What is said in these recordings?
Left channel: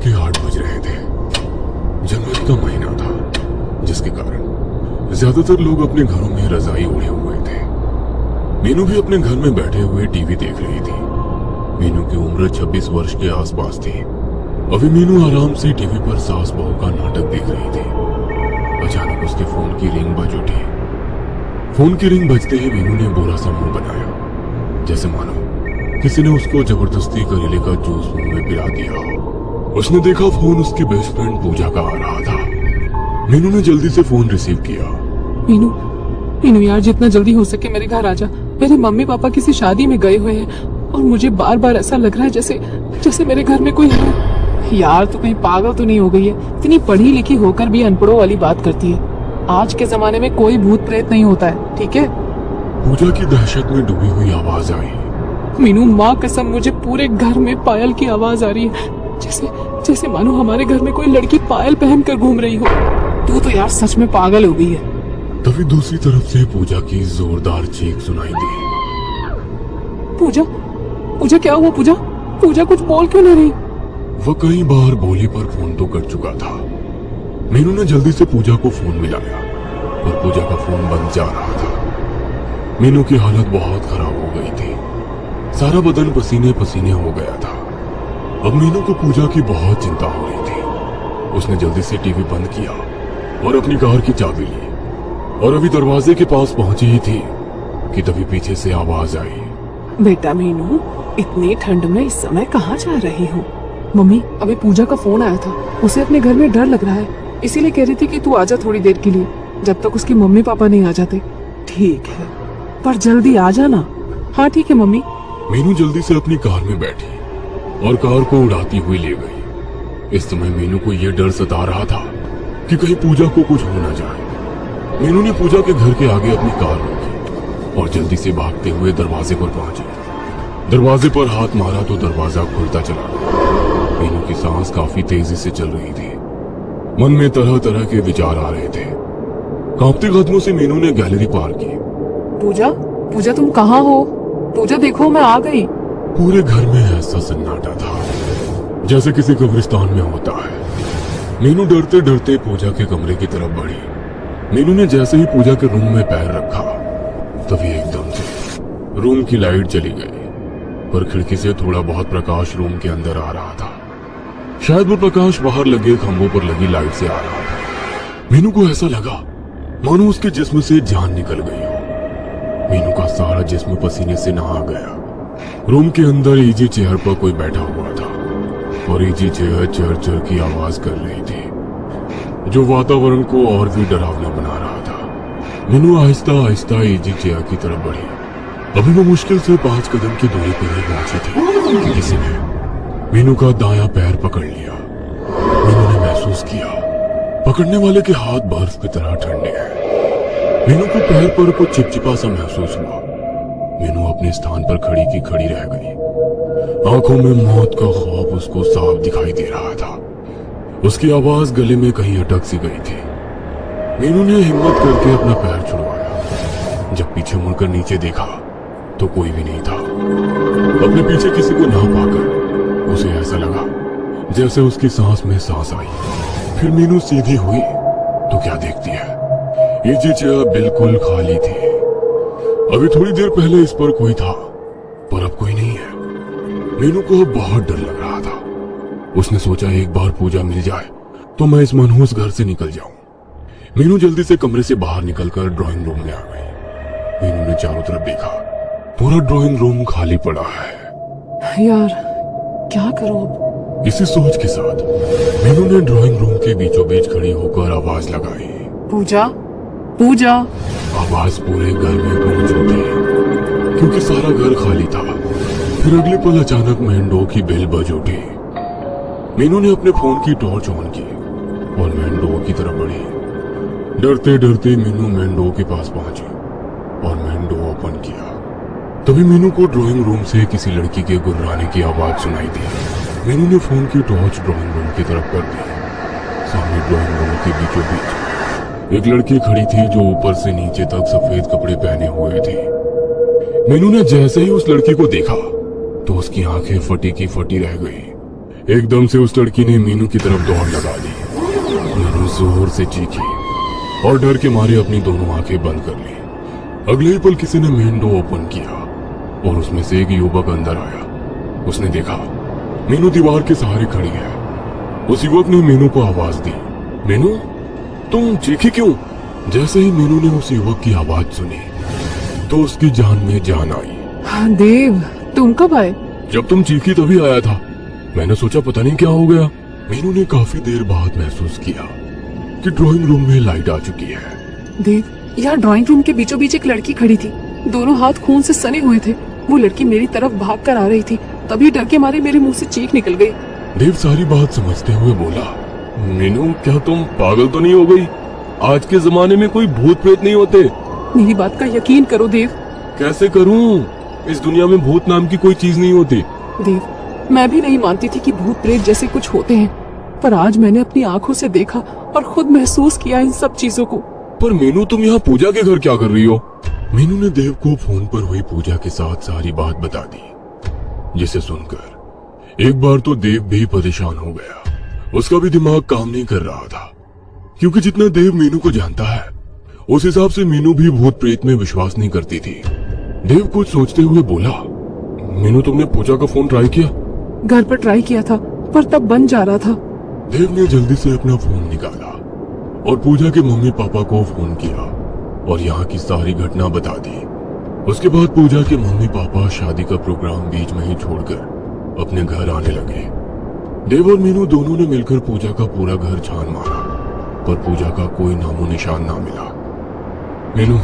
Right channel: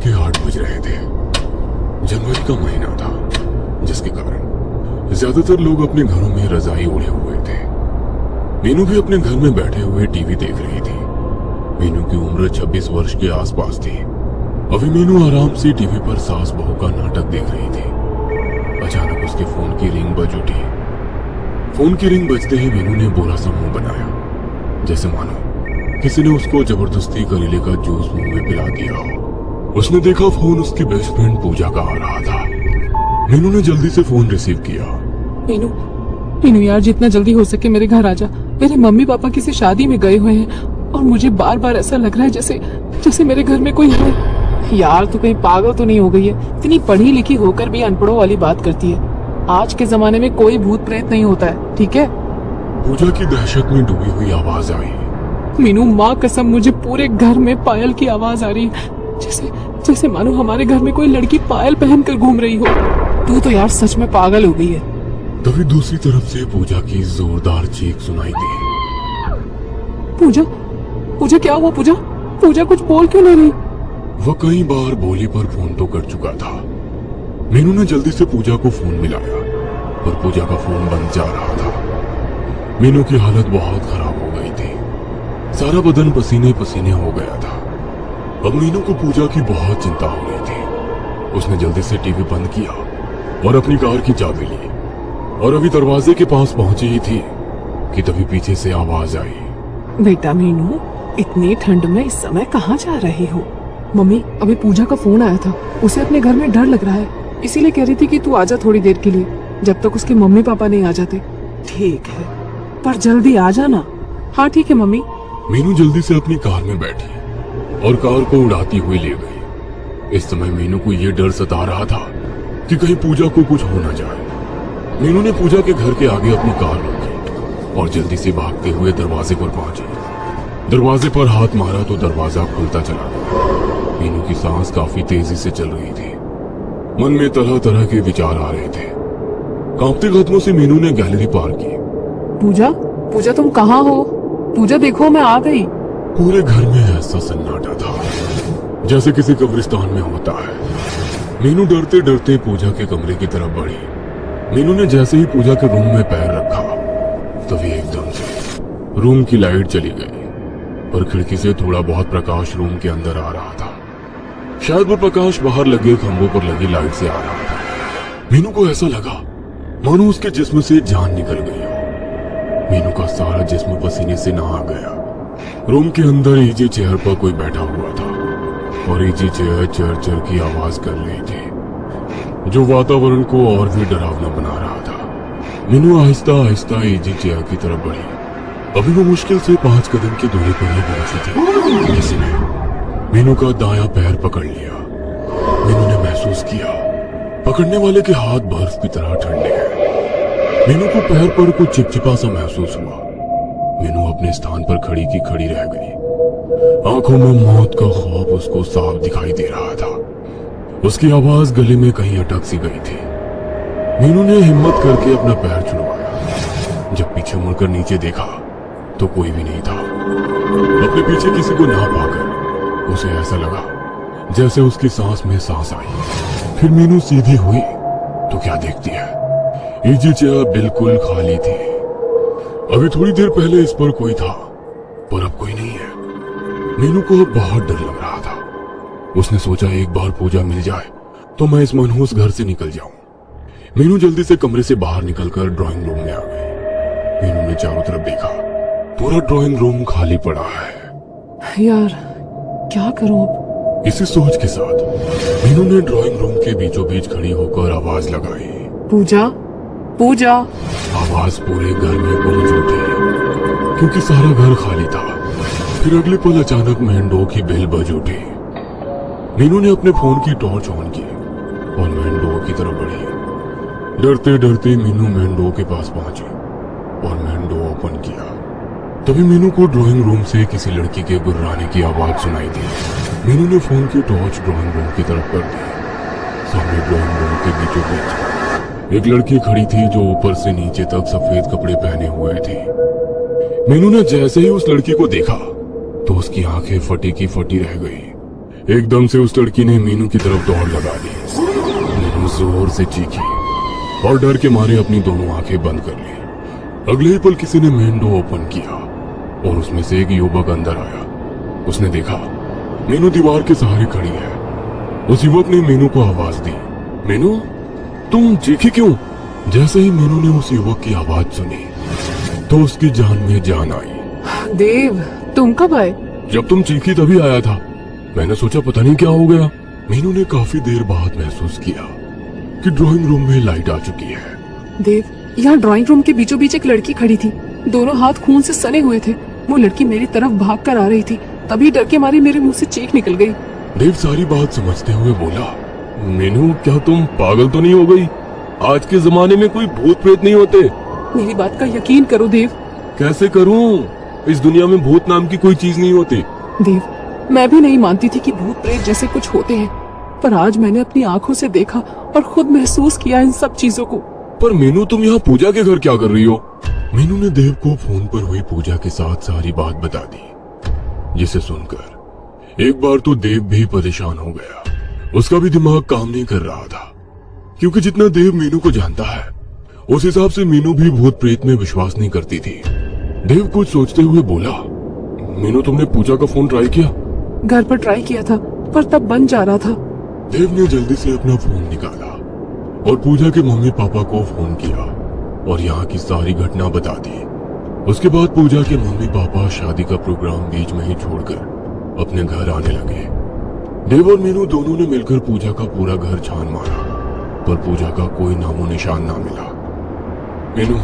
के 8 बज रहे थे। जनवरी का महीना था, जिसके कारण ज्यादातर लोग अपने घरों में रजाई ओढ़े हुए थे। मीनू भी अपने घर में बैठे हुए टीवी देख रही थी। मीनू की उम्र 26 वर्ष के आसपास थी। अभी मीनू आराम से टीवी पर सास बहू का नाटक देख रही थी। अचानक उसके फोन की रिंग बज उठी। फोन की रिंग बजते ही मीनू ने बुरा सा मुंह बनाया, जैसे मानो किसी ने उसको जबरदस्ती करेले का जूस मुंह में पिला दिया हो। उसने देखा फोन उसकी बेस्ट फ्रेंड पूजा का आ रहा था। मीनू ने जल्दी से फोन रिसीव किया। मीनू, मीनू यार, जितना जल्दी हो सके मेरे घर आजा। मेरे मम्मी पापा किसी शादी में गए हुए हैं और मुझे बार बार ऐसा लग रहा है जैसे मेरे घर में कोई है। यार तू कहीं पागल तो नहीं हो गई है? इतनी पढ़ी लिखी होकर भी अनपढ़ों वाली बात करती है। आज के जमाने में कोई भूत प्रेत नहीं होता है, ठीक है? पूजा की दहशत में डूबी हुई आवाज आई। मीनू, माँ कसम, मुझे पूरे घर में पायल की आवाज आ रही है, जैसे मानो हमारे घर में कोई लड़की पायल पहनकर घूम रही हो। तू तो यार सच में पागल हो गई है। तभी दूसरी तरफ से पूजा की जोरदार चीख सुनाई दी। पूजा क्या हुआ? पूजा कुछ बोल क्यों नहीं रही? वह कई बार बोले पर फोन तो कट चुका था। मीनू ने जल्दी से पूजा को फोन मिलाया और पूजा का फोन बंद जा रहा था। मीनू की हालत बहुत खराब हो गई थी। सारा बदन पसीने पसीने हो गया था। अब मीनू को पूजा की बहुत चिंता हो रही थी। उसने जल्दी से टीवी बंद किया और अपनी कार की चाबी ली और अभी दरवाजे के पास पहुंची ही थी कि तभी पीछे से आवाज आई। बेटा मीनू, इतनी ठंड में इस समय कहाँ जा रही हो? मम्मी, अभी पूजा का फोन आया था। उसे अपने घर में डर लग रहा है, इसीलिए कह रही थी कि तू आजा थोड़ी देर के लिए, जब तक उसके मम्मी पापा नहीं आ जाते। ठीक है, पर जल्दी आ जाना। हाँ ठीक है मम्मी। मीनू जल्दी से अपनी कार में बैठी और कार को उड़ाती हुई ले गई। इस समय मीनू को यह डर सता रहा था कि कहीं पूजा को कुछ हो ना जाए। मीनू ने पूजा के घर के आगे अपनी कार रोकी और जल्दी से भागते हुए दरवाजे पर पहुंची। दरवाजे पर हाथ मारा तो दरवाजा खुलता चला गया। मीनू की सांस काफी तेजी से चल रही थी। मन में तरह तरह के विचार आ रहे थे। कांपते कदमों से मीनू ने गैलरी पार की। पूजा तुम कहाँ हो? पूजा देखो, मैं आ गई। पूरे घर में ऐसा सन्नाटा था जैसे किसी कब्रिस्तान में होता है। मीनू डरते डरते पूजा के कमरे की तरफ बढ़ी। मीनू ने जैसे ही पूजा के रूम में पैर रखा तभी एकदम से रूम की लाइट चली गई और खिड़की से थोड़ा बहुत प्रकाश रूम के अंदर आ रहा था। शायद वो प्रकाश बाहर लगे खंभों पर लगी लाइट से आ रहा था। मीनू को ऐसा लगा मानो उसके जिस्म से जान निकल गई हो। मीनू का सारा जिस्म पसीने से नहा गया। रूम के अंदर इजी चेयर पर कोई बैठा हुआ था और इजी चेयर चर चर की आवाज कर रही थी, जो वातावरण को और भी डरावना बना रहा था। मीनू आहिस्ता आहिस्ता इजी चेयर की तरफ बढ़ी। अभी वो मुश्किल से 5 कदम की दूरी पर ही पहुंची थी। किसी ने मीनू का दायां पैर पकड़ लिया। मीनू ने महसूस किया पकड़ने वाले के हाथ बर्फ की तरह ठंडे हैं। मीनू के पैर पर कुछ चिपचिपा सा महसूस हुआ। मीनू अपने स्थान पर खड़ी की खड़ी रह गई। आंखों में मौत का खौफ उसको साफ दिखाई दे रहा था। उसकी आवाज गले में कहीं अटक सी गई थी। मीनू ने हिम्मत करके अपना पैर छुड़वाया। जब पीछे मुड़कर नीचे देखा तो कोई भी नहीं था। अपने पीछे किसी को ना पाकर उसे ऐसा लगा जैसे उसकी सांस में सांस आई। फिर मीनू सीधी हुई तो क्या देखती है, इजी चेयर बिल्कुल खाली थी। अभी थोड़ी देर पहले इस पर कोई था, पर अब कोई नहीं है। मीनू को अब बहुत डर लग रहा था। उसने सोचा एक बार पूजा मिल जाए तो मैं इस मनहूस घर से निकल जाऊं। मीनू जल्दी से कमरे से बाहर निकलकर ड्राइंग रूम में आ गई। मीनू ने चारों तरफ देखा, पूरा ड्राइंग रूम खाली पड़ा है। यार क्या करूं अब? इसी सोच के साथ मीनू ने ड्राइंग रूम के बीचों बीच खड़ी होकर आवाज लगाई, पूजा। आवाज पूरे घर में गूंज उठी क्योंकि सारा घर खाली था। फिर अगले पल अचानक मेन डोर की बेल बज उठी। मीनू ने अपने फोन की टॉर्च ऑन की और मेन डोर की तरफ बढ़ी। डरते डरते मीनू मेन डोर के पास पहुंची और मेन डोर ओपन किया। तभी मीनू को ड्राइंग रूम से किसी लड़की के गुर्राने की आवाज सुनाई दी। मीनू ने फोन की टॉर्च ड्राइंग रूम की तरफ कर दी। सामने ड्राइंग रूम के बीचों बीच एक लड़की खड़ी थी जो ऊपर से नीचे तक सफेद कपड़े पहने हुए थी। मीनू ने जैसे ही उस लड़की को देखा तो उसकी आंखें फटी की फटी रह गई। एकदम से उस लड़की ने मीनू की तरफ दौड़ लगा दी। मीनू जोर से चीखी और डर के मारे अपनी दोनों आंखें बंद कर ली। अगले ही पल किसी ने मेन डोर ओपन किया और उसमें से एक युवक अंदर आया। उसने देखा मीनू दीवार के सहारे खड़ी है। उस युवक ने मीनू को आवाज दी, मीनू तुम चीखी क्यों? जैसे ही मीनू ने उस युवक की आवाज सुनी तो उसकी जान में जान आई। देव, तुम कब आए? जब तुम चीखी तभी आया था। मैंने सोचा पता नहीं क्या हो गया। मीनू ने काफी देर बाद महसूस किया कि ड्राइंग रूम में लाइट आ चुकी है। देव, यहाँ ड्राइंग रूम के बीचों बीच एक लड़की खड़ी थी। दोनों हाथ खून से सने हुए थे। वो लड़की मेरी तरफ भाग कर आ रही थी। तभी डर के मारे मेरे मुंह से चीख निकल गई। देव सारी बात समझते हुए बोला, मीनू क्या तुम पागल तो नहीं हो गई? आज के जमाने में कोई भूत प्रेत नहीं होते। मेरी बात का यकीन करो देव। कैसे करूं? इस दुनिया में भूत नाम की कोई चीज नहीं होती। देव, मैं भी नहीं मानती थी कि भूत प्रेत जैसे कुछ होते हैं, पर आज मैंने अपनी आंखों से देखा और खुद महसूस किया इन सब चीजों को। पर मीनू तुम यहाँ पूजा के घर क्या कर रही हो? मीनू ने देव को फोन पर हुई पूजा के साथ सारी बात बता दी, जिसे सुनकर एक बार तो देव भी परेशान हो गया। उसका भी दिमाग काम नहीं कर रहा था, क्योंकि जितना देव मीनू को जानता है उस हिसाब से मीनू भी भूत प्रेत में विश्वास नहीं करती थी। देव कुछ सोचते हुए बोला, मीनू तुमने पूजा का फोन ट्राई किया? घर पर ट्राई किया था पर तब बंद जा रहा था। देव ने जल्दी से अपना फोन निकाला और पूजा के मम्मी पापा को फोन किया और यहाँ की सारी घटना बता दी। उसके बाद पूजा के मम्मी पापा शादी का प्रोग्राम बीच में ही छोड़कर अपने घर आने लगे। देव और मीनू दोनों ने मिलकर पूजा का पूरा घर छान मारा, पर पूजा का कोई नामो निशान ना मिला। मीनू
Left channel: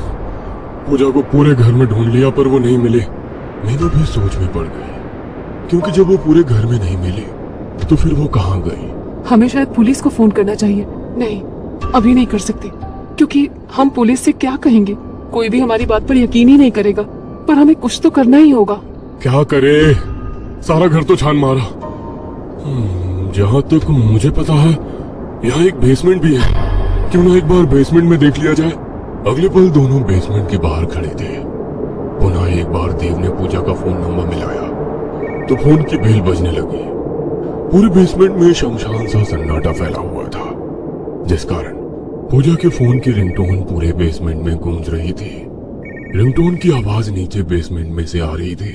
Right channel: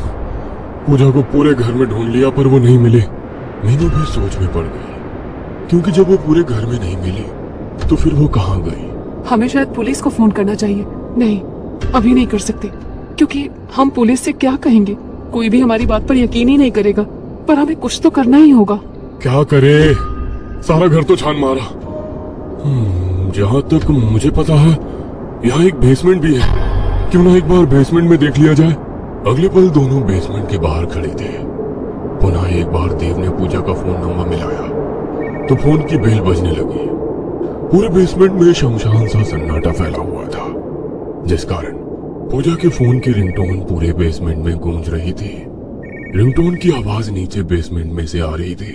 पूजा को पूरे घर में ढूंढ लिया पर वो नहीं मिले। मीनू भी सोच में पड़ गई, क्योंकि जब वो पूरे घर में नहीं मिले तो फिर वो कहाँ गई? हमें शायद पुलिस को फोन करना चाहिए। नहीं, अभी नहीं कर सकते, क्योंकि हम पुलिस से क्या कहेंगे? कोई भी हमारी बात पर यकीन ही नहीं करेगा। पर हमें कुछ तो करना ही होगा। क्या करे? सारा घर तो छान मारा। जहाँ तक मुझे पता है यहाँ एक बेसमेंट भी है। क्यों ना एक बार बेसमेंट में देख लिया जाए? अगले पल दोनों बेसमेंट के बाहर खड़े थे। पुनः एक बार देव ने पूजा का फोन नंबर मिलाया तो फोन की बेल बजने लगी। पूरे बेसमेंट में शमशान सा सन्नाटा फैला हुआ था, जिस कारण पूजा के फोन की रिंगटोन पूरे बेसमेंट में गूंज रही थी। रिंगटोन की आवाज नीचे बेसमेंट में से आ रही थी।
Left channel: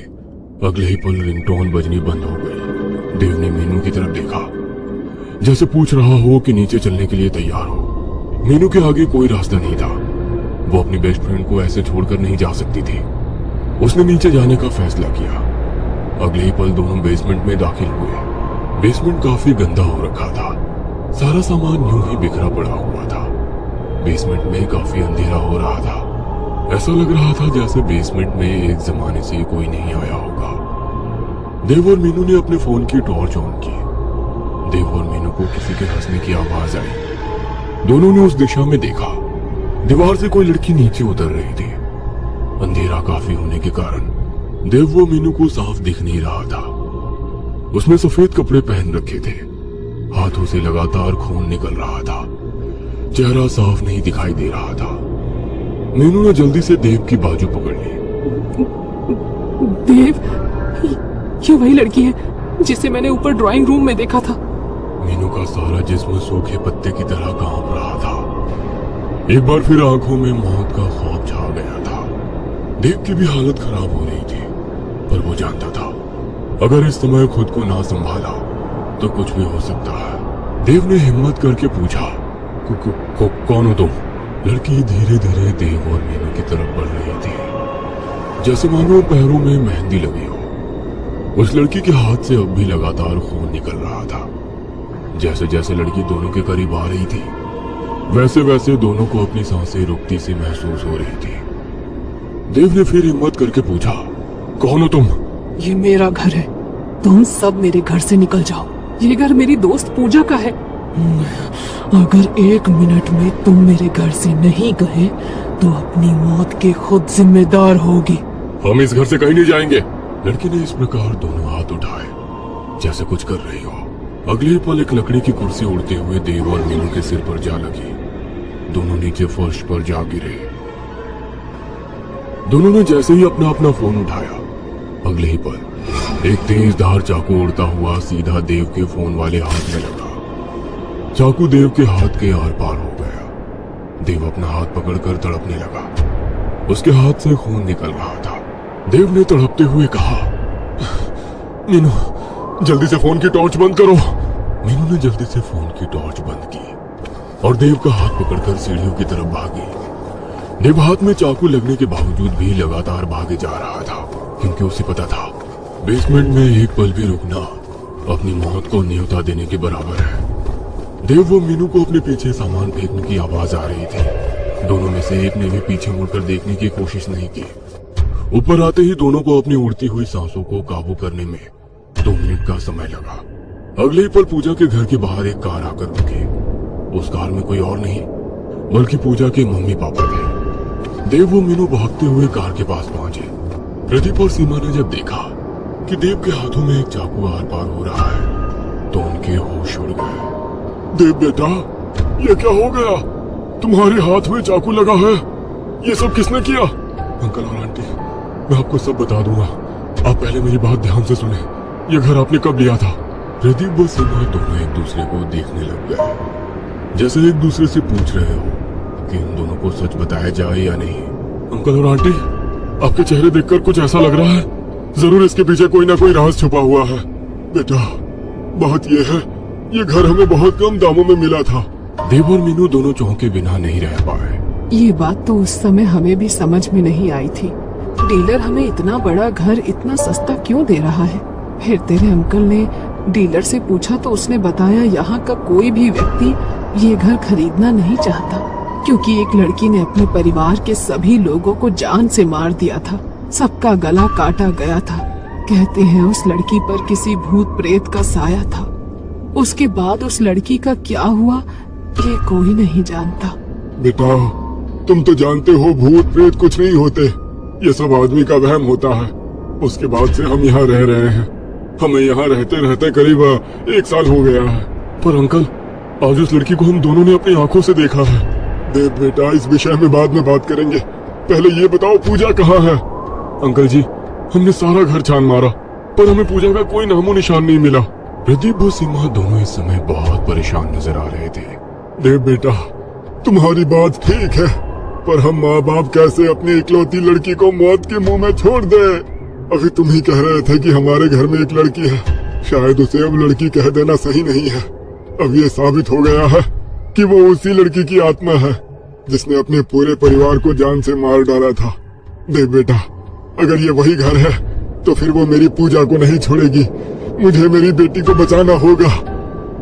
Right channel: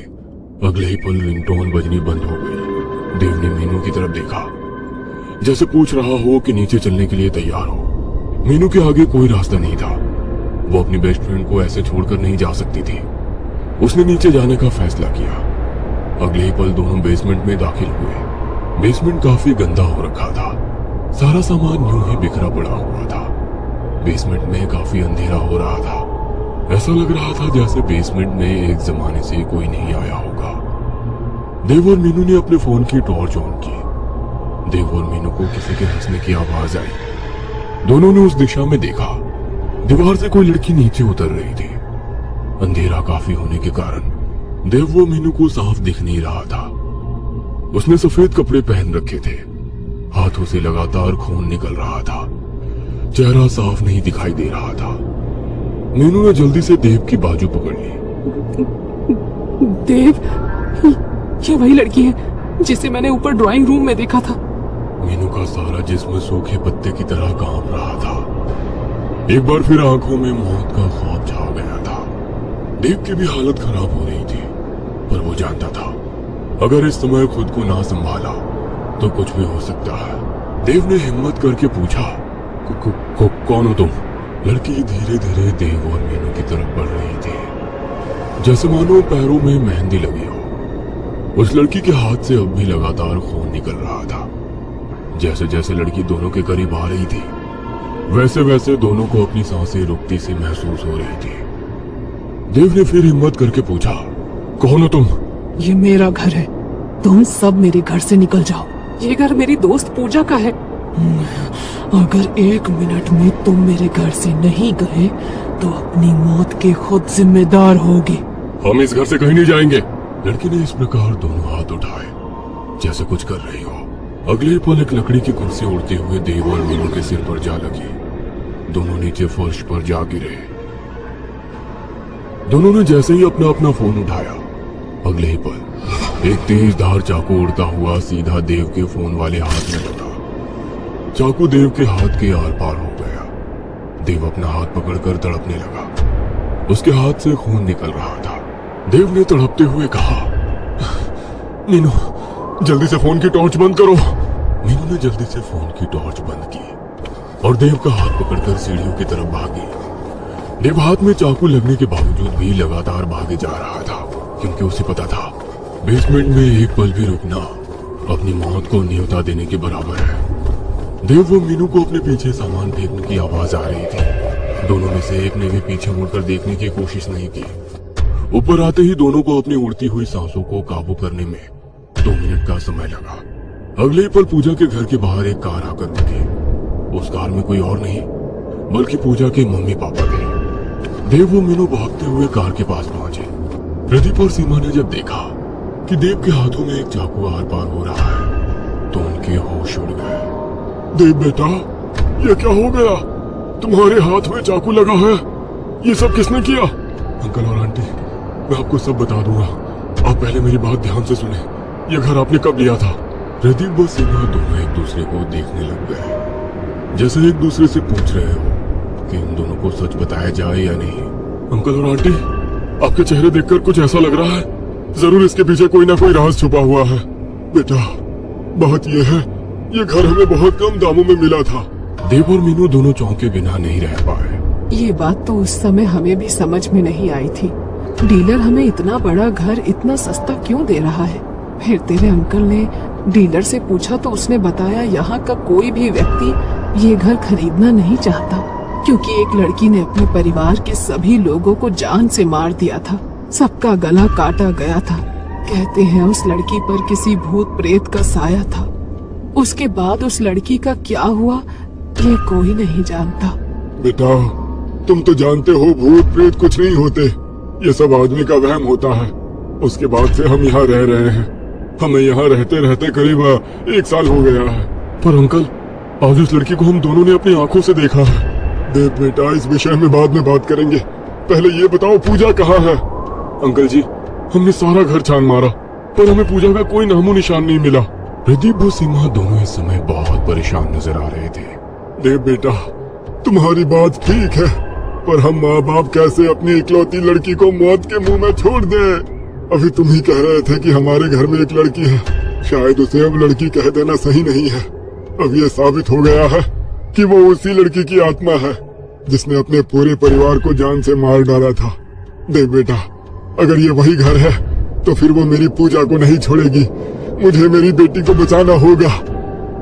अगले ही पल रिंगटोन बजनी बंद हो गई। देव ने मीनू की तरफ देखा, जैसे पूछ रहा हो कि नीचे चलने के लिए तैयार हो। मीनू के आगे कोई रास्ता नहीं था। वो अपनी बेस्ट फ्रेंड को ऐसे छोड़कर नहीं जा सकती थी। उसने नीचे जाने का फैसला किया। अगले ही पल दोनों बेसमेंट में दाखिल हुए। बेसमेंट काफी गंदा हो रखा था। सारा सामान यूं ही बिखरा पड़ा हुआ था। बेसमेंट में काफी अंधेरा हो रहा था। ऐसा लग रहा था जैसे बेसमेंट में एक जमाने से कोई नहीं आया होगा। देव और मीनू ने अपने फोन की टॉर्च ऑन की। देव और मीनू को किसी के हंसने की आवाज आई। दोनों ने उस दिशा में देखा। दीवार से कोई लड़की नीचे उतर रही थी। अंधेरा काफी होने के कारण देव वो मीनू को साफ दिख नहीं रहा था। उसने सफेद कपड़े पहन रखे थे। हाथों से लगातार खून निकल रहा था। चेहरा साफ नहीं दिखाई दे रहा था। मीनू ने जल्दी से देव की बाजू पकड़ ली। देव, ये वही लड़की है जिसे मैंने ऊपर ड्राइंग रूम में देखा था। मीनू का सारा जिस्म सूखे पत्ते की तरह कांप रहा था। एक बार फिर आंखों में मौत का खौफ छा गया था। देव की भी हालत खराब हो रही थी, पर वो जानता था अगर इस समय खुद को ना संभाला तो कुछ भी हो सकता है। देव ने हिम्मत करके पूछा, कौन हो तुम? लड़की धीरे धीरे देव और मीनू की तरफ बढ़ रही थी, जैसे मानो पैरों में मेहंदी लगी हो। उस लड़की के हाथ से अब भी लगातार खून निकल रहा था। जैसे जैसे लड़की दोनों के करीब आ रही थी, वैसे वैसे दोनों को अपनी सांसें रुकती सी महसूस हो रही थी। देव ने फिर हिम्मत करके पूछा, कौन हो तुम? ये मेरा घर है। तुम सब मेरे घर से निकल जाओ। ये घर मेरी दोस्त पूजा का है। अगर 1 मिनट में तुम मेरे घर से नहीं गए तो अपनी मौत के खुद जिम्मेदार होगी। हम इस घर से कहीं नहीं जाएंगे। लड़की ने इस प्रकार दोनों हाथ उठाए जैसे कुछ कर रही हो। अगले पल एक लकड़ी की कुर्सी उड़ते हुए देव और मीनू के सिर पर जा लगी। दोनों नीचे फर्श पर जा गिरे। दोनों ने जैसे ही अपना अपना फोन उठाया, अगले ही पल एक तेज धार चाकू उड़ता हुआ सीधा देव के फोन वाले हाथ में लगा। चाकू देव के हाथ के आर पार हो गया। देव अपना हाथ पकड़कर तड़पने लगा। उसके हाथ से खून निकल रहा था। देव ने तड़पते हुए कहा, मीनू जल्दी से फोन की टॉर्च बंद करो। मीनू ने जल्दी से फोन की टॉर्च बंद की और देव का हाथ पकड़कर सीढ़ियों की तरफ भागी। देव हाथ में चाकू लगने के बावजूद भी लगातार भागे जा रहा था, क्योंकि उसे पता था बेसमेंट में एक पल भी रुकना अपनी मौत को न्योता देने के बराबर है। देव व मीनू को अपने पीछे सामान फेंकने की आवाज आ रही थी। दोनों में से एक ने भी पीछे मुड़कर देखने की कोशिश नहीं की। ऊपर आते ही दोनों को अपनी उड़ती हुई सांसों को काबू करने में 2 मिनट का समय लगा। अगले ही पल पूजा के घर के बाहर एक कार आकर रुकी। उस कार में कोई और नहीं बल्कि पूजा के मम्मी पापा थे। देव व मीनू भागते हुए कार के पास पहुंचे। प्रदीप और सीमा ने जब देखा कि देव के हाथों में एक चाकू आर पार हो रहा है तो उनके होश उड़ गए। देव बेटा, ये क्या हो गया? तुम्हारे हाथ में चाकू लगा है। ये सब किसने किया? अंकल और आंटी, मैं आपको सब बता दूंगा। आप पहले मेरी बात ध्यान से सुने। ये घर आपने कब लिया था? प्रदीप व सीमा दोनों एक दूसरे को देखने लग गए, जैसे एक दूसरे से पूछ रहे हो कि उन दोनों को सच बताया जाए या नहीं। अंकल और आंटी, आपके चेहरे देखकर कुछ ऐसा लग रहा है जरूर इसके पीछे कोई ना कोई राज छुपा हुआ है। बेटा, बात ये है, ये घर हमें बहुत कम दामों में मिला था। देव और मीनू दोनों चौंके बिना नहीं रह पाए। ये बात तो उस समय हमें भी समझ में नहीं आई थी। डीलर हमें इतना बड़ा घर इतना सस्ता क्यों दे रहा है? फिर तेरे अंकल ने डीलर से पूछा तो उसने बताया यहाँ का कोई भी व्यक्ति ये घर खरीदना नहीं चाहता, क्योंकि एक लड़की ने अपने परिवार के सभी लोगों को जान से मार दिया था। सबका गला काटा गया था। कहते हैं उस लड़की पर किसी भूत प्रेत का साया था। उसके बाद उस लड़की का क्या हुआ ये कोई नहीं जानता। बेटा, तुम तो जानते हो भूत प्रेत कुछ नहीं होते। ये सब आदमी का वहम होता है। उसके बाद से हम यहाँ रह रहे हैं। हमें यहाँ रहते रहते करीब 1 साल हो गया है। पर अंकल, आज उस लड़की को हम दोनों ने अपनी आंखों से देखा है। देव बेटा, इस विषय में बाद में बात करेंगे। पहले ये बताओ पूजा कहाँ है? अंकल जी, हमने सारा घर छान मारा पर हमें पूजा का कोई नामो निशान नहीं मिला। प्रदीप व सीमा दोनों इस समय बहुत परेशान नजर आ रहे थे। देव बेटा, तुम्हारी बात ठीक है, पर हम माँ बाप कैसे अपनी इकलौती लड़की को मौत के मुंह में छोड़ दे? अभी तुम ही कह रहे थे कि हमारे घर में एक लड़की है। शायद उसे अब लड़की कह देना सही नहीं है। अब ये साबित हो गया है कि वो उसी लड़की की आत्मा है जिसने अपने पूरे परिवार को जान से मार डाला था। देव बेटा, अगर ये वही घर है तो फिर वो मेरी पूजा को नहीं छोड़ेगी। मुझे मेरी बेटी को बचाना होगा।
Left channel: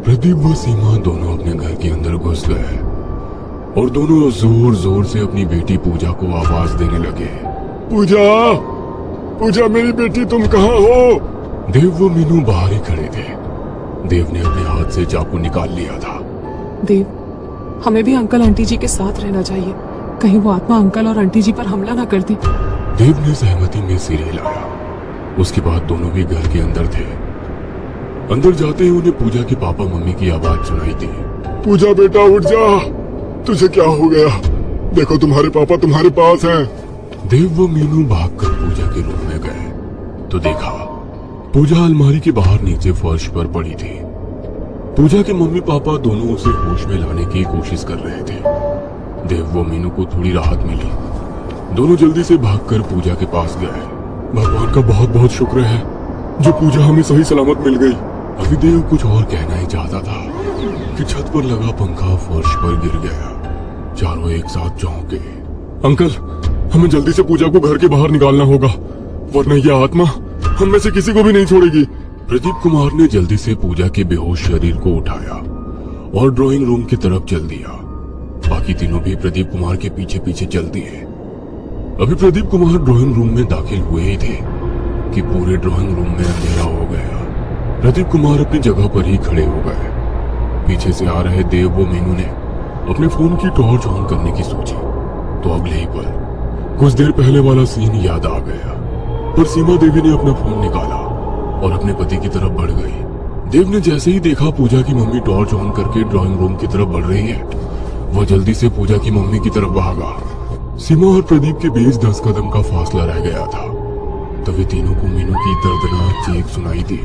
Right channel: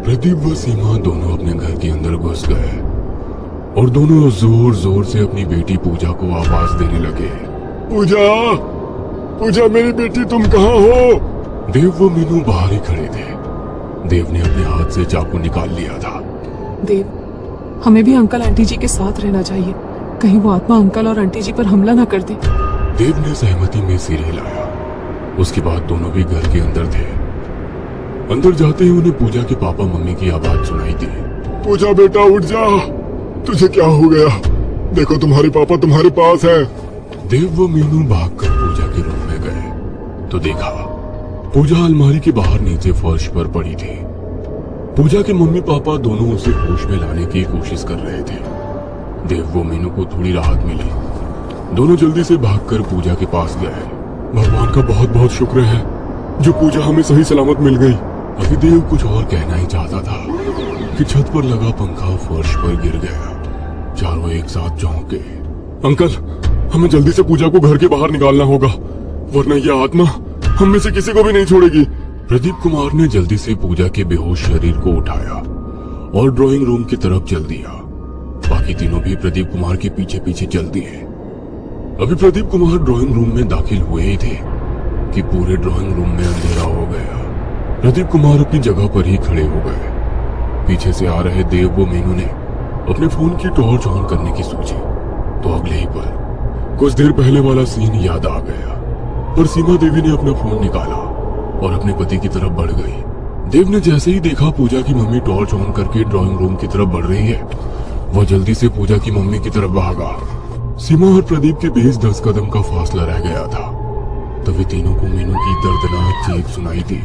प्रदीप व सीमा दोनों अपने घर के अंदर घुस गए और दोनों जोर जोर से अपनी बेटी पूजा को आवाज देने लगे। पूजा, पूजा मेरी बेटी, तुम कहाँ हो? देव व मीनू बाहर ही खड़े थे। देव ने अपने हाथ से चाकू निकाल लिया था। देव, हमें भी अंकल आंटी जी के साथ रहना चाहिए। कहीं वो आत्मा अंकल और आंटी जी पर हमला न कर दे। देव ने सहमति में सिर हिलाया। उसके बाद दोनों भी घर के अंदर थे। अंदर जाते ही उन्हें पूजा के पापा मम्मी की आवाज सुनाई दी। पूजा बेटा, उठ जा। तुझे क्या हो गया? देखो, तुम्हारे पापा तुम्हारे पास हैं। देव व मीनू भागकर पूजा के रूम में गए तो देखा पूजा अलमारी के बाहर नीचे फर्श पर पड़ी थी। पूजा के मम्मी पापा दोनों उसे होश में लाने की कोशिश कर रहे थे। देव व मीनू को थोड़ी राहत मिली। दोनों जल्दी से भागकर पूजा के पास गए। भगवान का बहुत बहुत शुक्र है जो पूजा हमें सही सलामत मिल गई। अभी देव कुछ और कहना ही चाहता था कि छत पर लगा पंखा फर्श पर गिर गया। चारों एक साथ चौंक गए। अंकल, हमें जल्दी से पूजा को घर के बाहर निकालना होगा, वरना यह आत्मा हम में से किसी को भी नहीं छोड़ेगी। प्रदीप कुमार ने जल्दी से पूजा के बेहोश शरीर को उठाया और ड्राइंग रूम की तरफ चल दिया। बाकी तीनों भी प्रदीप कुमार के पीछे पीछे चल दिए। अभी प्रदीप कुमार ड्राइंग रूम में दाखिल हुए ही थे कि पूरे ड्राइंग रूम में अंधेरा हो गया। प्रदीप कुमार अपनी जगह पर ही खड़े हो गए। पीछे से आ रहे देव व मीनू ने अपने फोन की टॉर्च ऑन करने की सोची तो अगले ही पल कुछ देर पहले वाला सीन याद आ गया। पर सीमा देवी ने अपना फोन निकाला और अपने पति की तरफ बढ़ गई। देव ने जैसे ही देखा पूजा की मम्मी टॉर्च ऑन करके ड्राइंग रूम की तरफ बढ़ रही है, वह जल्दी से पूजा की मम्मी की तरफ भागा। सीमा और प्रदीप के बीच 10 कदम का फासला रह गया था। तभी तीनों को मीनू की दर्दनाक चीख सुनाई दी।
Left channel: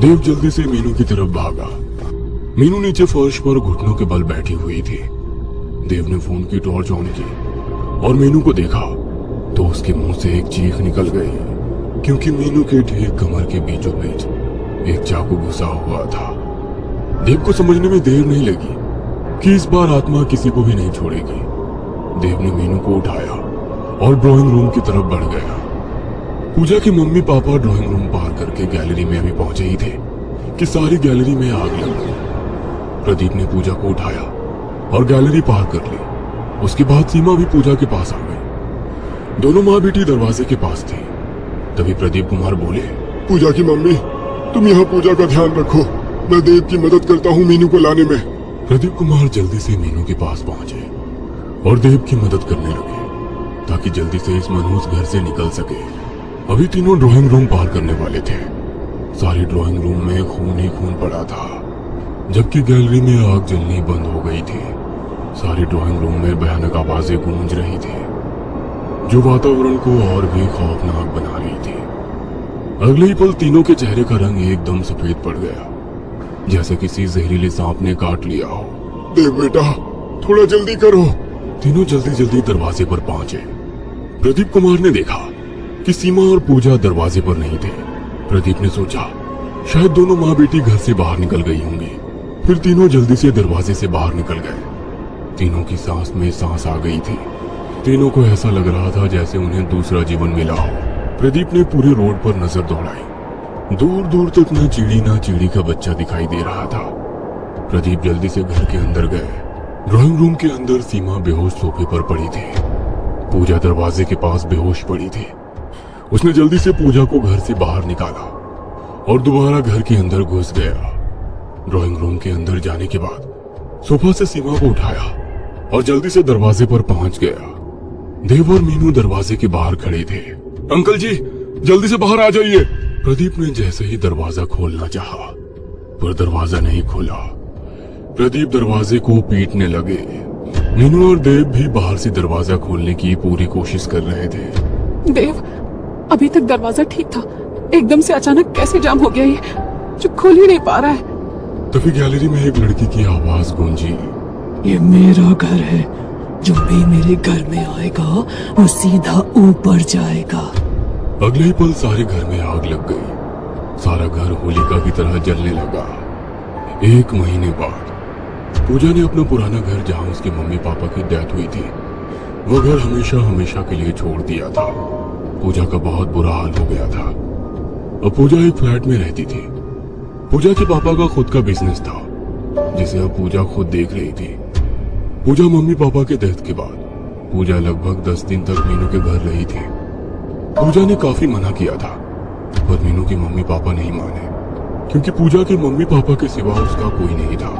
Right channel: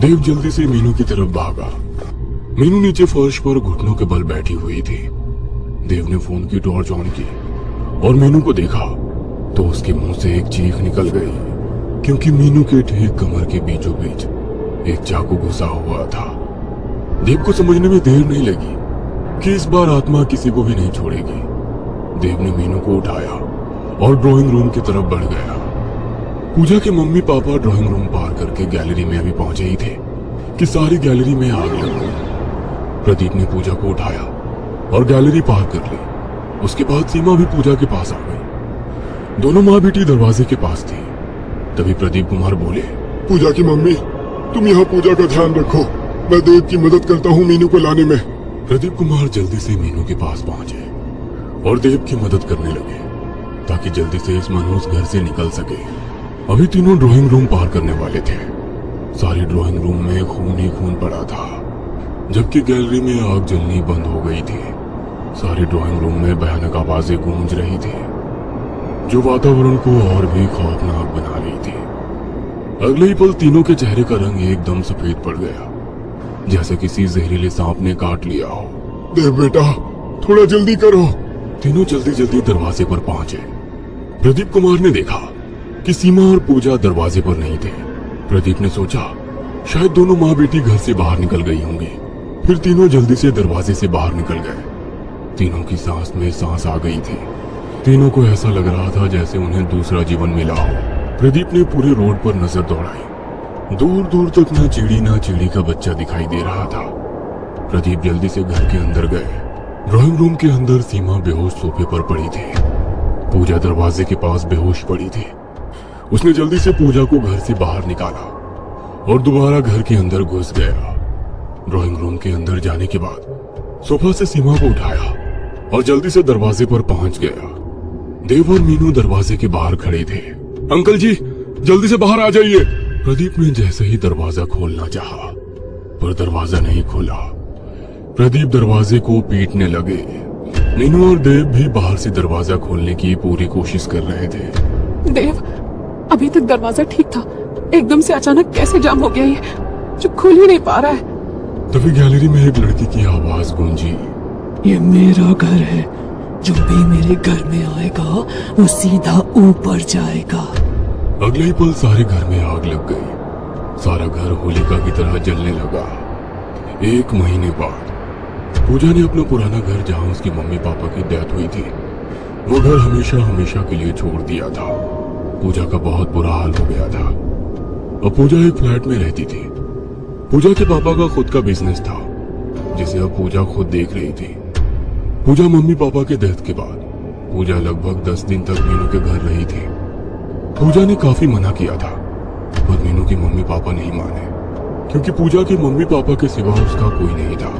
देव जल्दी से मीनू की तरफ भागा। मीनू नीचे फर्श पर घुटनों के बल बैठी हुई थी। देव ने फोन की टॉर्च ऑन की और मीनू को देखा तो उसके मुंह से एक चीख निकल गई, क्योंकि मीनू के ठीक कमर के बीचों बीच एक चाकू घुसा हुआ था। देव को समझने में देर नहीं लगी कि इस बार आत्मा किसी को भी नहीं छोड़ेगी। देव ने मीनू को उठाया और ड्राइंग रूम की तरफ बढ़ गया। पूजा की मम्मी पापा ड्राइंग रूम पार करके गैलरी में अभी पहुंचे ही थे कि सारी गैलरी में आग लग गई। प्रदीप ने पूजा को उठाया और गैलरी पार कर ली। उसके बाद सीमा भी पूजा के पास आ गई। दोनों माँ बेटी दरवाजे के पास थी। तभी प्रदीप कुमार बोले, पूजा की मम्मी, तुम यहाँ पूजा का ध्यान रखो, मैं देव की मदद करता हूँ मीनू को लाने में। प्रदीप कुमार जल्दी से मीनू के पास पहुंचे और देव की मदद करने लगे ताकि जल्दी से इस मनहूस घर से निकल सके। अभी तीनों ड्राइंग रूम पार करने वाले थे। सारे ड्राइंग रूम में खून ही खून पड़ा था, जबकि गैलरी में आग जलनी बंद हो गई थी। सारे ड्राइंग रूम में भयानक आवाजें गूंज रही थी, जो वातावरण को और भी खौफनाक बना रही थी। अगले ही पल तीनों के चेहरे का रंग एकदम सफेद पड़ गया, जैसे किसी जहरीले सांप ने काट लिया हो। देव बेटा, थोड़ा जल्दी करो। तीनों जल्दी जल्दी दरवाजे पर पहुंचे। प्रदीप कुमार ने देखा कि सीमा और पूजा दरवाजे पर नहीं थे। प्रदीप ने सोचा शायद दोनों माँ बेटी घर से बाहर निकल गई होंगी। फिर तीनों जल्दी से दरवाजे से बाहर निकल गए। तीनों की सांस में सांस आ गई थी। तीनों को ऐसा लग रहा था जैसे उन्हें दूसरा जीवन मिला हो। प्रदीप ने पूरे रोड पर नजर दौड़ाई। दूर दूर तक न चिड़ी ना चिड़ी का बच्चा दिखाई दे रहा था। प्रदीप जल्दी से घर के अंदर गए। ड्राइंग रूम के अंदर सीमा बेहोश सोफे पर पड़ी थी। पूजा दरवाजे के पास बेहोश पड़ी थी। उसने जल्दी से पूजा को घर से बाहर निकाला और दोबारा घर के अंदर घुस गया। ड्राइंग रूम के अंदर जाने के बाद सोफा से सीमा को उठाया और जल्दी से दरवाजे पर पहुंच गया। देव और मीनू दरवाजे के बाहर खड़े थे। अंकल जी, जल्दी से बाहर आ जाइए। प्रदीप ने जैसे ही दरवाजा खोलना चाहा, पर दरवाजा नहीं खोला। प्रदीप दरवाजे को पीटने लगे। मीनू और देव भी बाहर से दरवाजा खोलने की पूरी कोशिश कर रहे थे। देव, अभी तक दरवाजा ठीक था, एकदम से अचानक कैसे जाम हो गया ये, जो खुल ही नहीं पा रहा है। तभी गैलरी में एक लड़की की आवाज गूंजी। ये मेरा घर है, जो भी मेरे घर में आएगा वो सीधा ऊपर जाएगा। अगले ही पल सारे घर में आग लग गई। सारा घर होलिका की तरह जलने लगा। 1 महीने बाद पूजा ने अपना पुराना घर, जहां उसकी मम्मी पापा की डेथ हुई थी, वो घर हमेशा हमेशा के लिए छोड़ दिया था। पूजा का बहुत बुरा हाल हो गया था। अब पूजा एक फ्लैट में रहती थी। पूजा के पापा का खुद का बिजनेस था, जिसे अब पूजा खुद देख रही थी। पूजा मम्मी पापा के डेथ के बाद पूजा लगभग 10 दिन तक मीनू के घर रही थी। पूजा ने काफी मना किया था, पर मीनू की मम्मी पापा नहीं माने, क्योंकि पूजा के मम्मी पापा के सिवा उसका कोई नहीं था।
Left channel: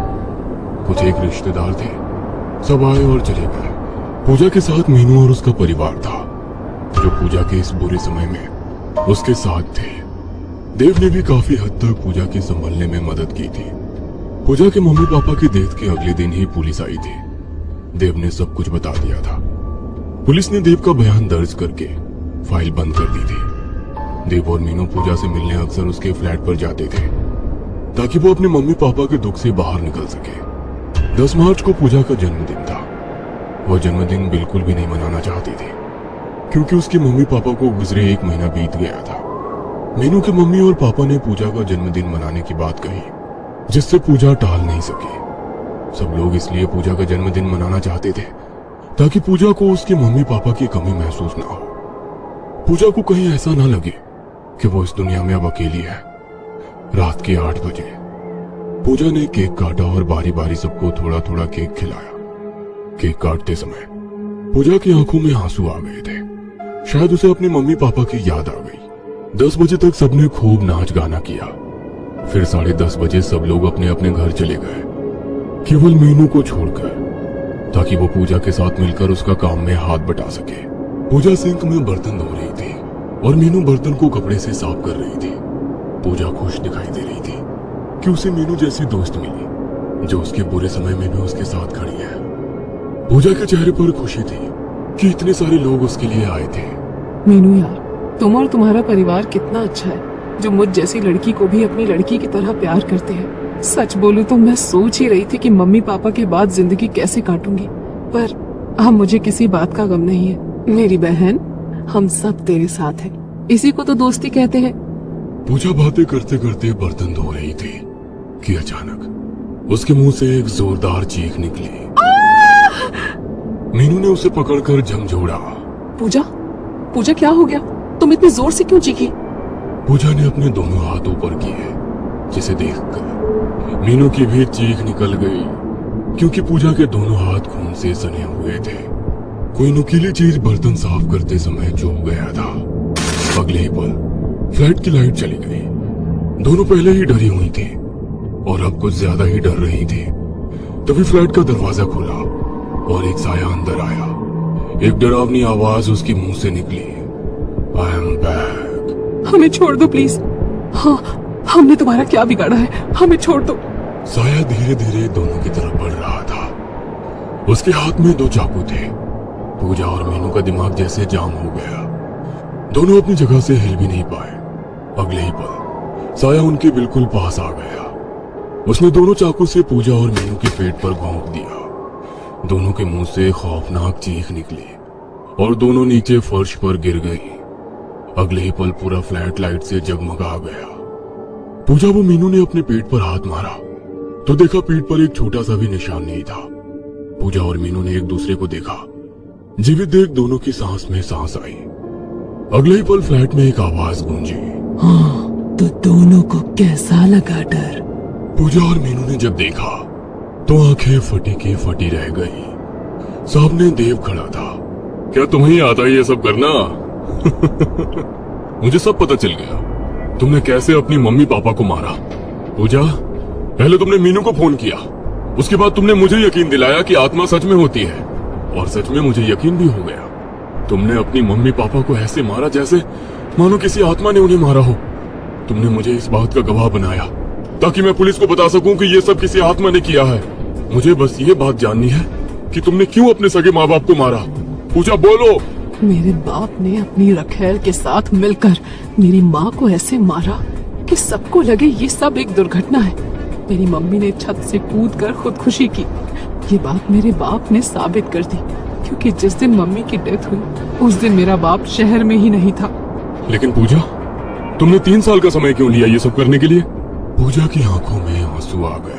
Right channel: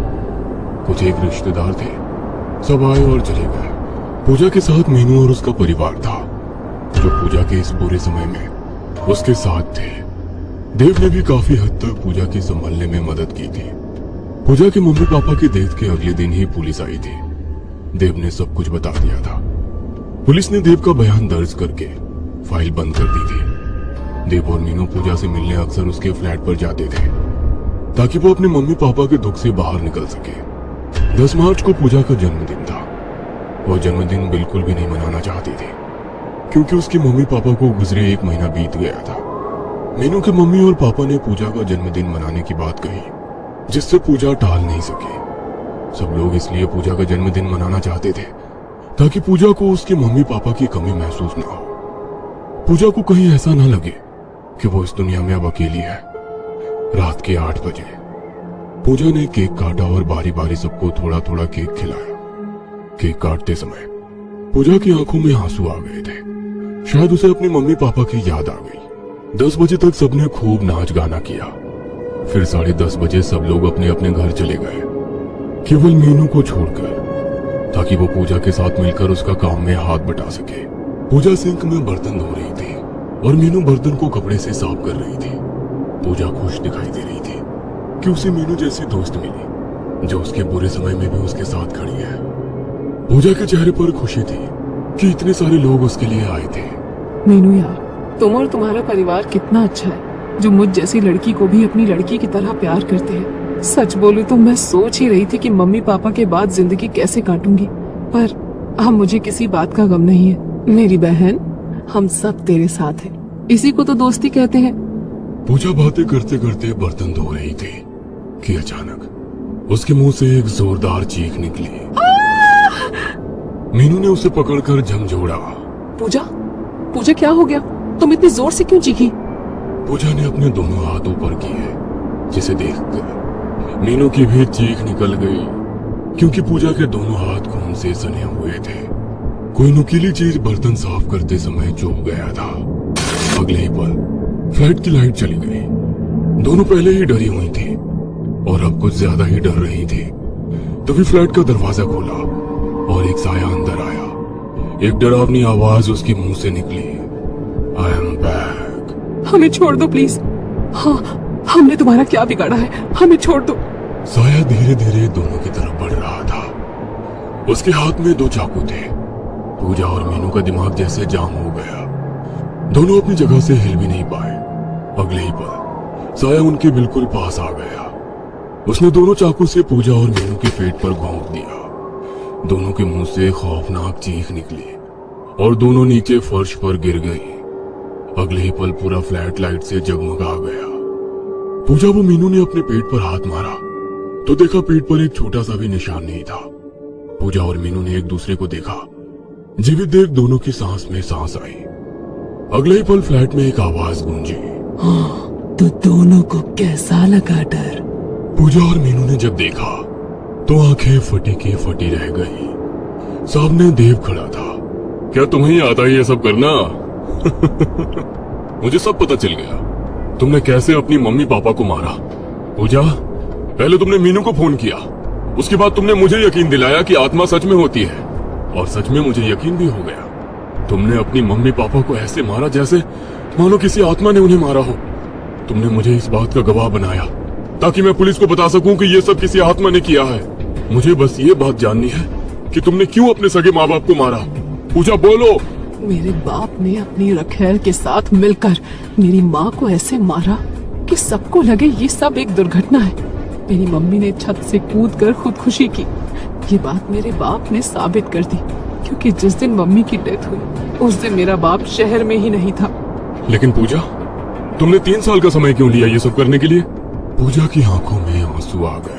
कुछ एक रिश्तेदार थे, सब आए और चले गए। पूजा के साथ मीनू और उसका परिवार था, जो पूजा के इस बुरे समय में उसके साथ थे। देव ने भी काफी हद तक पूजा के संभालने में मदद की थी। पूजा के मम्मी पापा की डेथ के अगले दिन ही पुलिस आई थी। देव ने सब कुछ बता दिया था। पुलिस ने देव का बयान दर्ज करके फाइल बंद कर दी थी। देव और मीनू पूजा से मिलने अक्सर उसके फ्लैट पर जाते थे, ताकि वो अपने मम्मी पापा के दुख से बाहर निकल सके। 10 मार्च को पूजा का जन्मदिन था। वो जन्मदिन बिल्कुल भी नहीं मनाना चाहती थी, क्योंकि उसके मम्मी पापा को गुजरे 1 महीना बीत गया था। मीनू के मम्मी और पापा ने पूजा का जन्मदिन मनाने की बात कही, जिससे पूजा टाल नहीं सकी। सब लोग इसलिए पूजा का जन्मदिन मनाना चाहते थे, ताकि पूजा को उसके मम्मी पापा की कमी महसूस ना हो। पूजा को कहीं ऐसा ना लगे कि वो इस दुनिया में अब अकेली है। रात के 8 बजे पूजा ने केक काटा और बारी बारी सबको थोड़ा थोड़ा केक खिलाया। केक काटते समय पूजा की आंखों में आंसू आ गए थे। शायद उसे अपनी मम्मी पापा की याद आ गई। 10 बजे तक सबने खूब नाच गाना किया। फिर 10:30 बजे सब लोग अपने अपने घर चले गए, केवल मीनू को छोड़कर, ताकि वो पूजा के साथ मिलकर उसका काम में हाथ बटा सके। पूजा सिंक में बर्तन धो रही थी और मीनू बर्तन को कपड़े से साफ कर रही थी। पूजा खुश दिखाई दे रही थी कि उसे मीनू जैसी दोस्त मिली, जो उसके बुरे समय में भी उसके साथ खड़ी है। पूजा के चेहरे पर खुशी थी कि इतने सारे लोग उसके लिए आए थे। मीनू यार, तुम और तुम्हारा परिवार कितना अच्छा है, जो मुझ जैसी लड़की को भी अपनी लड़की की तरह प्यार करते हैं। सच बोलूं तो मैं सोच ही रही थी कि मम्मी पापा के बाद जिंदगी कैसे काटूंगी, पर अब मुझे किसी बात का गम नहीं है। मेरी बहन, हम सब तेरे साथ हैं। इसी को तो दोस्ती कहते हैं। पूजा बातें करते करते बर्तन धो रही थी कि अचानक उसके मुंह से एक जोरदार चीख निकली। मीनू ने उसे पकड़कर झंझोड़ा। पूजा, पूजा क्या हो गया? तुम इतनी जोर से क्यों चीखी? पूजा ने अपने दोनों हाथ ऊपर किए, जिसे देखकर मीनू की भी चीख निकल गई, क्योंकि पूजा के दोनों हाथ खून से सने हुए थे। कोई नुकीली चीज बर्तन साफ करते समय चुभ गया था। अगले ही पल फ्लैट की लाइट चली गई। दोनों पहले ही डरी हुई थी और अब कुछ ज्यादा ही डर रही थी। तभी फ्लैट का दरवाजा खुला और एक साया अंदर आया। एक डरावनी आवाज उसके मुंह से निकली, आई एम बैक। हमें छोड़ दो प्लीज। हाँ, हमने तुम्हारा क्या बिगाड़ा है? हमें छोड़ दो। साया धीरे धीरे दोनों की तरफ बढ़ रहा था। उसके हाथ में 2 चाकू थे। पूजा और मीनू का दिमाग जैसे जाम हो गया। दोनों अपनी जगह से हिल भी नहीं पाए। अगले ही पल साया उनके बिल्कुल पास आ गया। उसने दोनों चाकू से पूजा और मीनू के पेट पर घोंप दिया। दोनों के मुंह से खौफनाक चीख निकली और दोनों नीचे फर्श पर गिर गई। अगले ही पल पूरा फ्लैट लाइट से जगमगा गया। पूजा वो मीनू ने अपने पेट पर हाथ मारा तो देखा पेट पर एक छोटा सा भी निशान नहीं था। पूजा और मीनू ने एक दूसरे को देखा। जीवित देख दोनों की सांस में सांस आई। अगले ही पल फ्लैट में एक आवाज गूंजी, हाँ, तो दोनों को कैसा लगा डर? पूजा और मीनू ने जब देखा तो आंखें फटी की फटी रह गई। सामने देव खड़ा था। क्या तुम्हें आता है ये सब करना? मुझे सब पता चल गया। तुमने कैसे अपनी मम्मी पापा को मारा। पूजा, पहले तुमने मीनू को फोन किया, उसके बाद तुमने मुझे यकीन दिलाया कि आत्मा सच में होती है, और सच में मुझे यकीन भी हो गया। तुमने अपनी मम्मी पापा को ऐसे मारा जैसे मानो किसी आत्मा ने उन्हें मारा हो। तुमने मुझे इस बात का गवाह बनाया ताकि मैं पुलिस को बता सकूं कि ये सब किसी आत्मा ने किया है। मुझे बस ये बात जाननी है कि तुमने क्यों अपने सगे माँ बाप को मारा। पूजा, बोलो। मेरे बाप ने अपनी रखेल के साथ मिलकर मेरी माँ को ऐसे मारा कि सबको लगे ये सब एक दुर्घटना है। मेरी मम्मी ने छत से कूदकर खुदकुशी की। ये बात मेरे बाप ने साबित कर दी, क्योंकि जिस दिन मम्मी की डेथ हुई उस दिन मेरा बाप शहर में ही नहीं था। लेकिन पूजा, तुमने 3 साल का समय क्यों लिया ये सब करने के लिए? पूजा की आंखों में आंसू आ गए।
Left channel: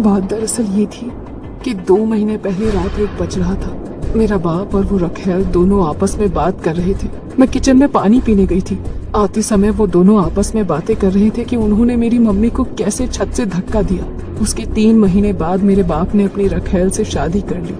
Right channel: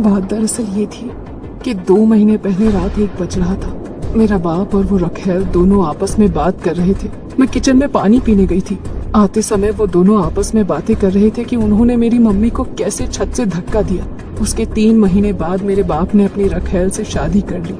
बात दरअसल ये थी कि 2 महीने पहले रात 1 बज रहा था। मेरा बाप और वो रखेल दोनों आपस में बात कर रहे थे। मैं किचन में पानी पीने गई थी। आते समय वो दोनों आपस में बातें कर रहे थे कि उन्होंने मेरी मम्मी को कैसे छत से धक्का दिया। उसके 3 महीने बाद मेरे बाप ने अपनी रखेल से शादी कर ली।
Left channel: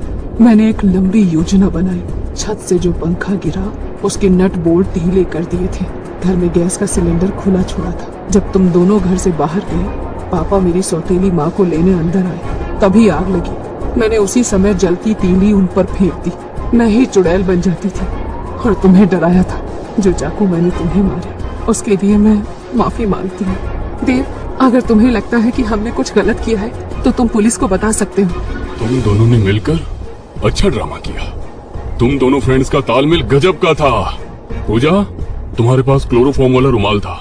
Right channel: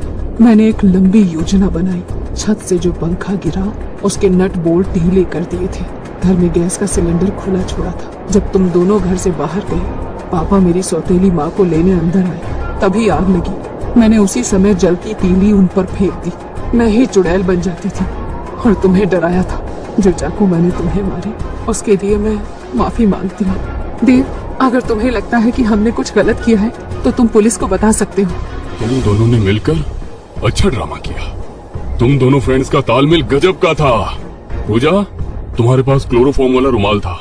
मैंने एक लंबी योजना बनाई। छत से जो पंखा गिरा उसके नट बोल्ट ढीले कर दिए थे। घर में गैस का सिलेंडर खुला छोड़ा था। जब तुम दोनों घर से बाहर गए, पापा मेरी सौतेली माँ को लेने अंदर आए, तभी आग लगी। मैंने उसी समय जलती तीली उन पर फेंक दी। मैं ही चुड़ैल बन जाती थी और तुम्हें डराया था। जो चाकू मैंने तुम्हें मारे उसके लिए मैं माफी मांगती हूँ। देव, अगर तुम्हें लगता है कि हमने कुछ गलत किया है तो तुम पुलिस को बता सकते हो। तुम दोनों ने मिलकर अच्छा ड्रामा किया। तुम दोनों फ्रेंड्स का तालमेल गजब का था। पूजा, तुम्हारे पास क्लोरोफॉर्म वाला रुमाल था।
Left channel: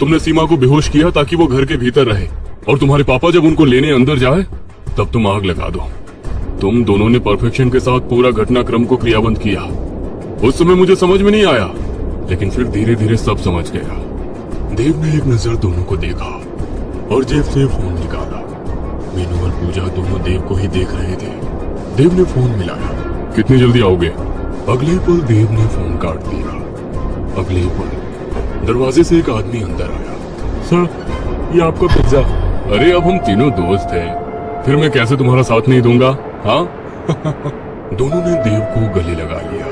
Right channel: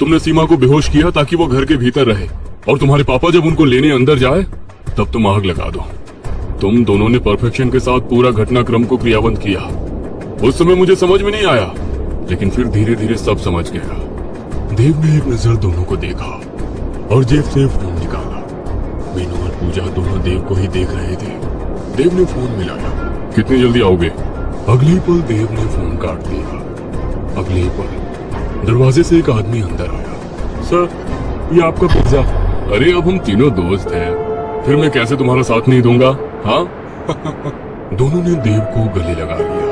तुमने सीमा को बेहोश किया ताकि वो घर के भीतर रहे, और तुम्हारे पापा जब उनको लेने अंदर जाए तब तुम आग लगा दो। तुम दोनों ने परफेक्शन के साथ पूरा घटनाक्रम को क्रियाबंद किया। उस समय मुझे समझ में नहीं आया, लेकिन फिर धीरे धीरे सब समझ गया। देव ने एक नजर दोनों को देखा और जेब से फोन निकाला। मीनू और पूजा दोनों देव को ही देख रहे थे। देव ने फोन मिलाया। कितनी जल्दी आओगे? अगले पल देव ने फोन काट दिया। अगले पल दरवाजे से एक आदमी अंदर आया। सर, ये आपका पिज्जा। अरे अब हम तीनों दोस्त हैं, फिर मैं कैसे तुम्हारा साथ नहीं दूंगा? हाँ। दोनों ने देव को गले लगा लिया।